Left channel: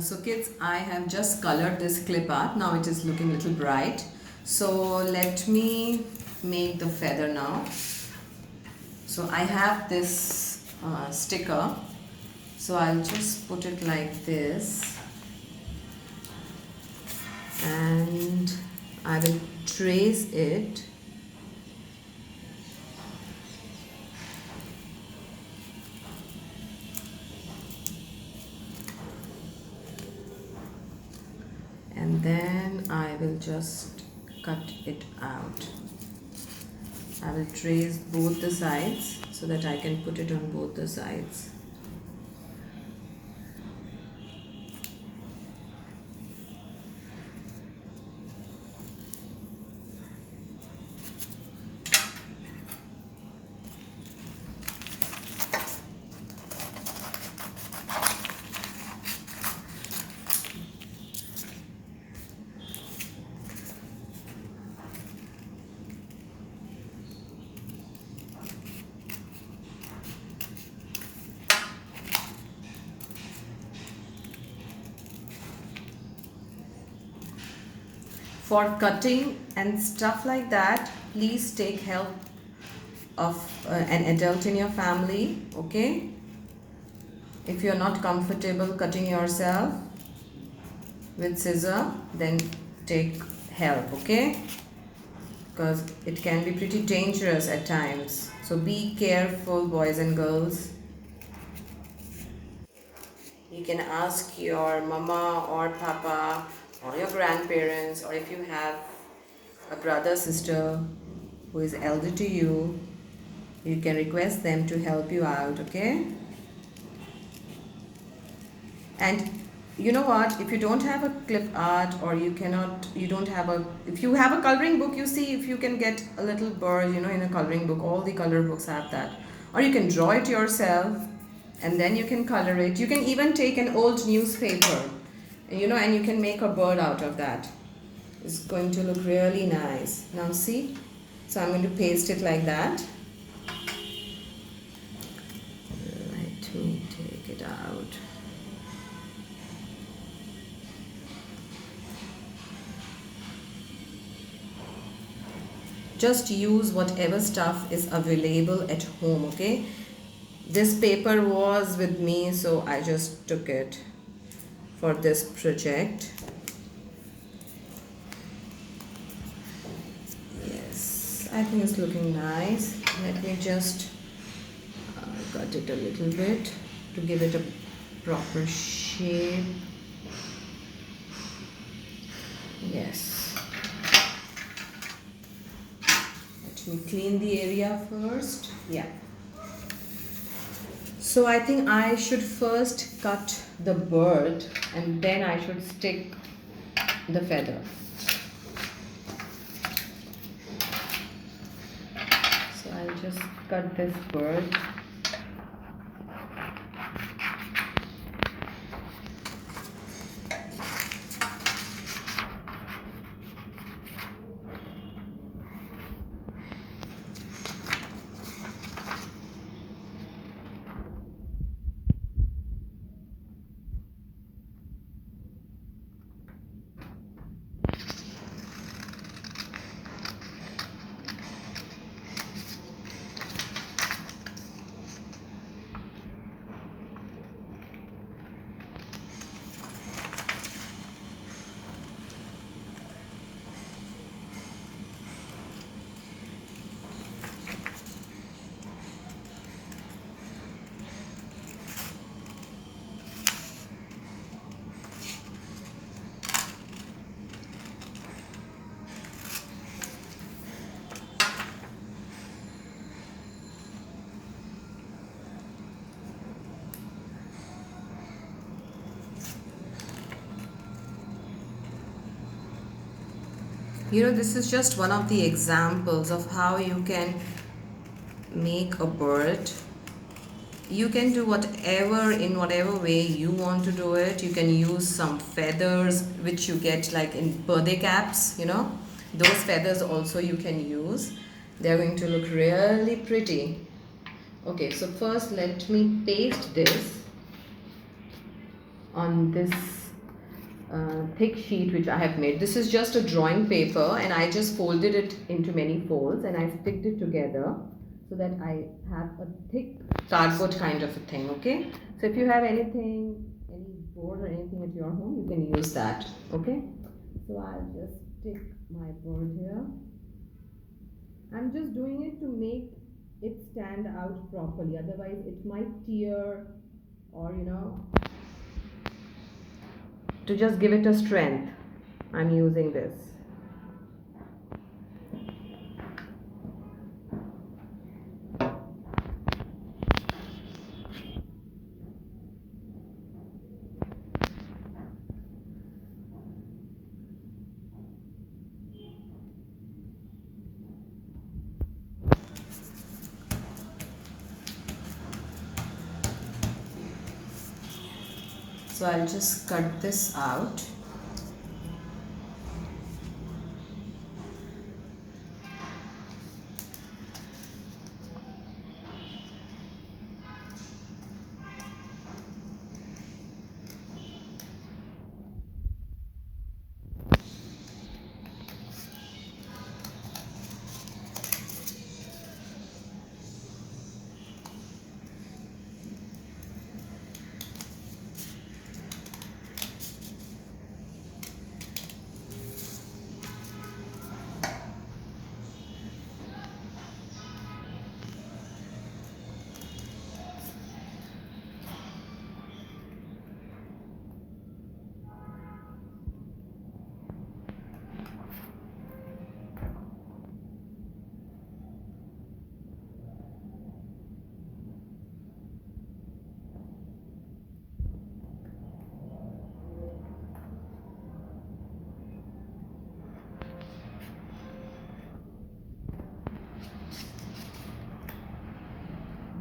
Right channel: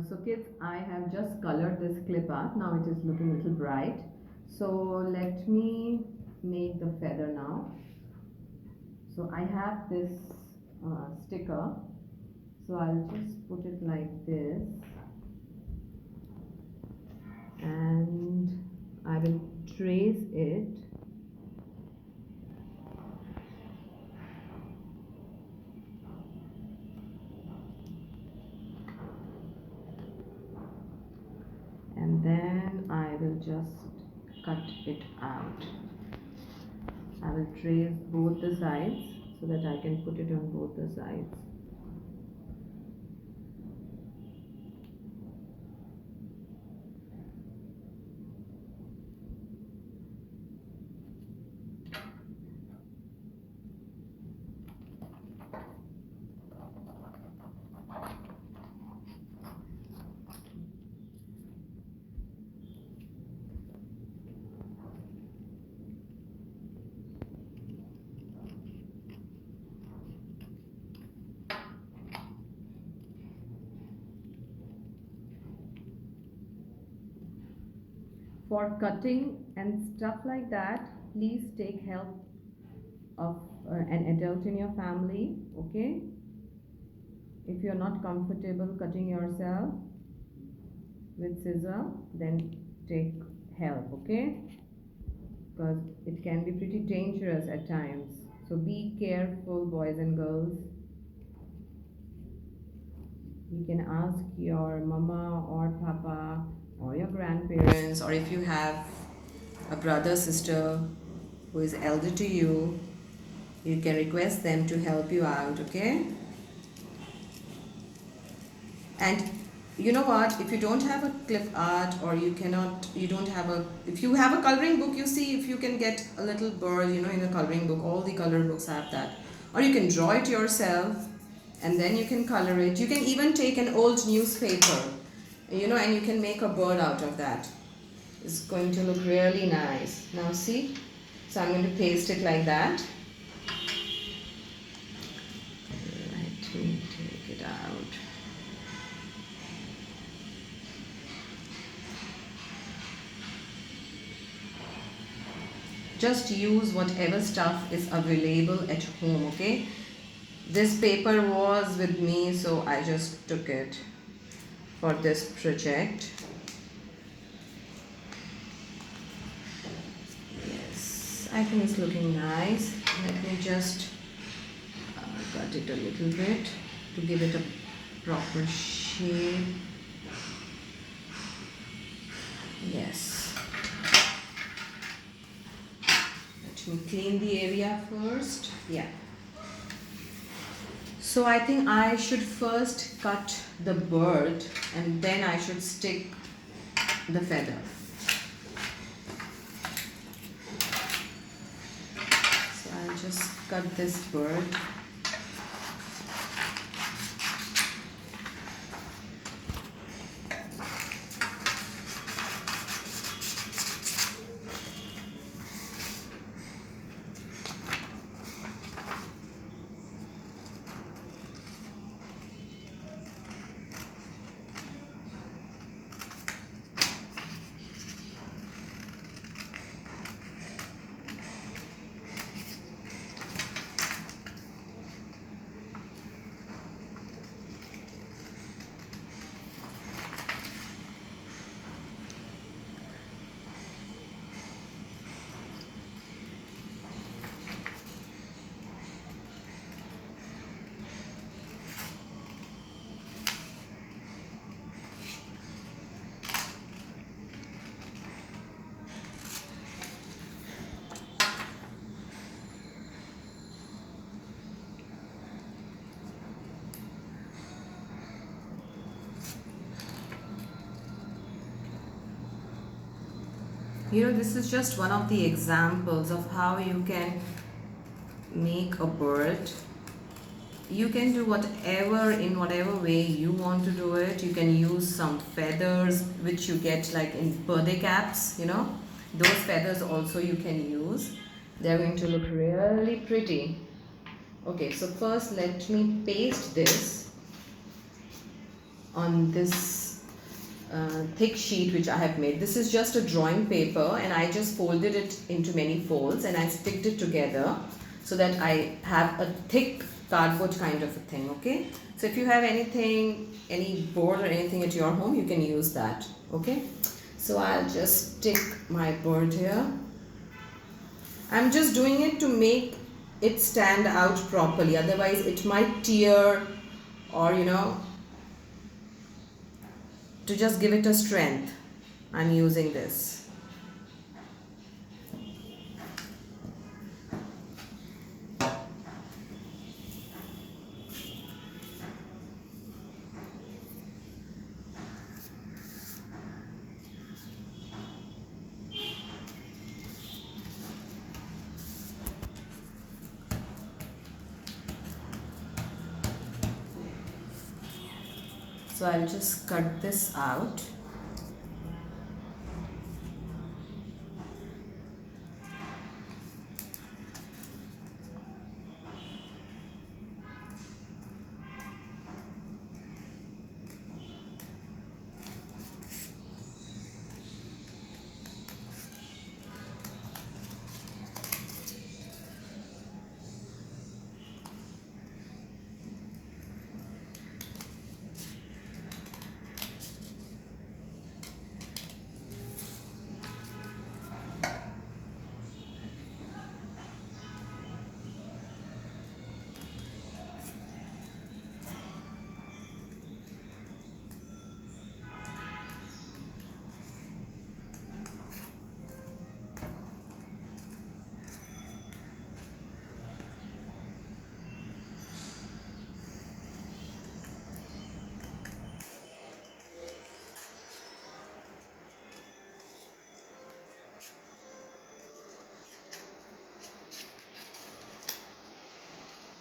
So kids, I have just colored this clip art. Now it is looking a little bright. So let me make the feather now. So I have this sticker. So I'll just put it like this. And I will trace it. And then I will just cut it out. I will trace both the sides so that I can put it on both the sides. For cutting and stuff like that, please take help of an adult in your family, okay? If you're not comfortable cutting yourself with scissor, then take help, okay? Because it can be pretty dangerous at times. So be careful, boys and girls. You can ask your mama or papa or your grandparents, or if you have a brother, sister who is elder to you, you can request them to help you out, okay? And you know what, if you don't have a clip art, or if you have a coloring book, you see, if you can get a little bird, in a coloring book, all the color books have that. Or you can draw it yourself and then you can color it. You can even take an old newspaper, and you can make a bird out of that. It's going to look really nice. Now see, so I'm going to paste it like that. Let me take it out. Just use whatever stuff is available at home, okay? This paper was with me, so I just took it for this project. Yes, I think it's looking nice. Let me just cut it a little bit to give it a proper shape. Yes. Let me clean the area first. Yeah. So I think I should first cut the bird and then I should stick the feather. So I'll just cut this bird. This is just one of the examples of how you can make a bird. You can do in whatever way you want to do it. You can use some feathers which you get like in birthday caps, those feathers also you can use. They're going to look really pretty. Okay, so first let me paste this. on this thick sheet which I have made. This is just a drawing paper and I just folded it into many folds and I sticked it together so that I have a thick cardboard kind of a thing, okay? So if you have anything, any board or anything at your home, you can use that, okay? So I'll just stick my bird here. I'm just doing it to make it stand out properly, otherwise it might tear, or to just give it a strength, I'm using this. So I'll just cut this out.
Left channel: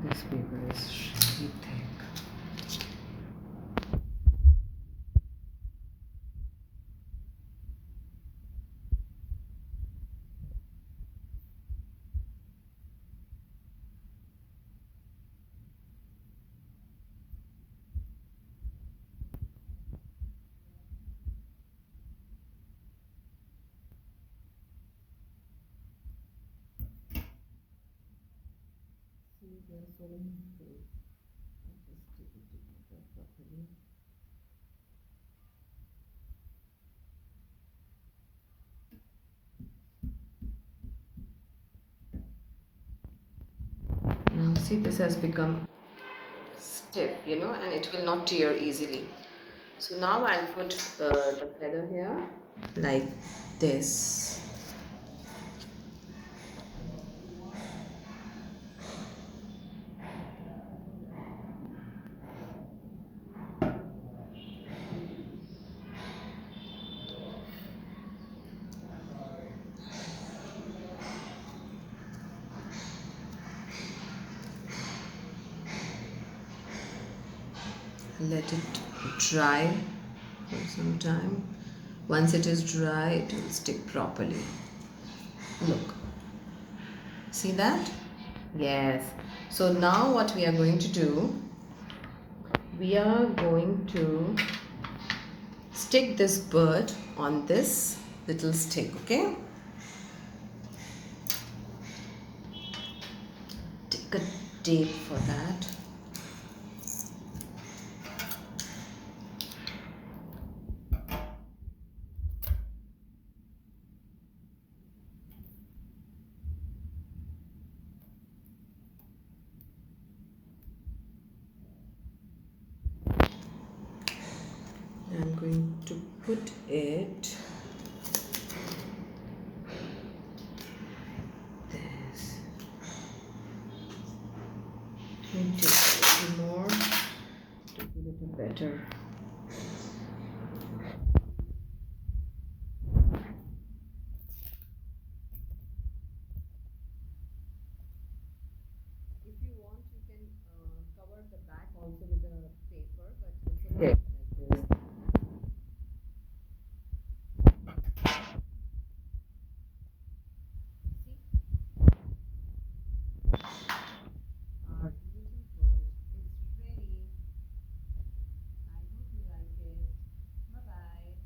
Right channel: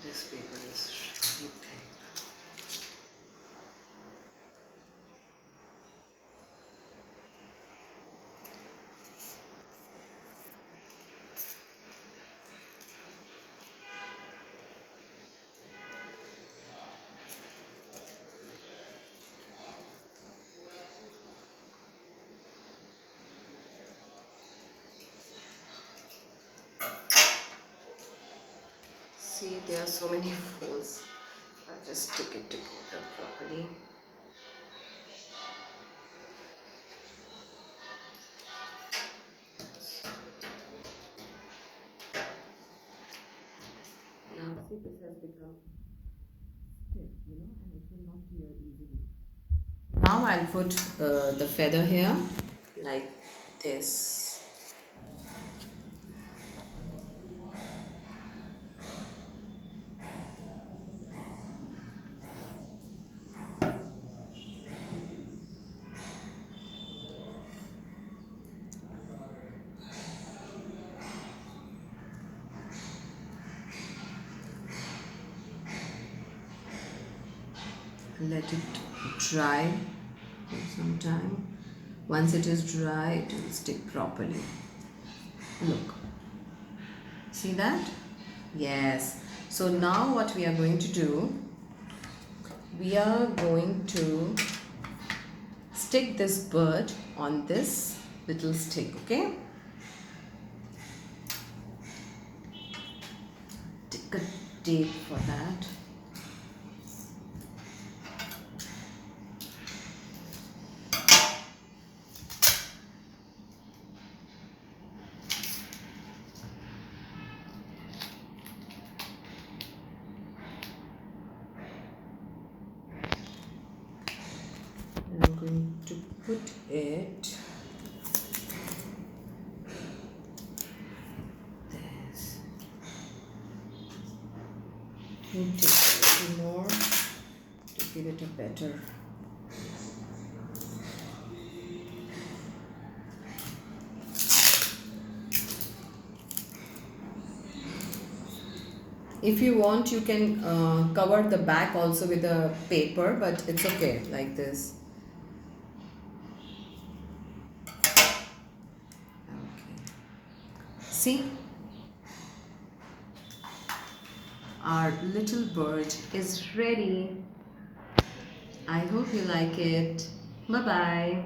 This paper is really thick. See, there are so many folds. I'll just stick it together properly. Now see, this has become stiff, and it will not tear easily. So now I'll put the feather here like this. Let it dry for some time. Once it is dry, it will stick properly. Look, see that? Yes. So now what we are going to do, we are going to stick this bird on this little stick, okay? Take a tape for that. I'm going to put it this. And take a little more to give it a better. If you want, you can cover the back also with a paper, but it's okay like this. See, our little bird is ready. I hope you like it. Bye bye.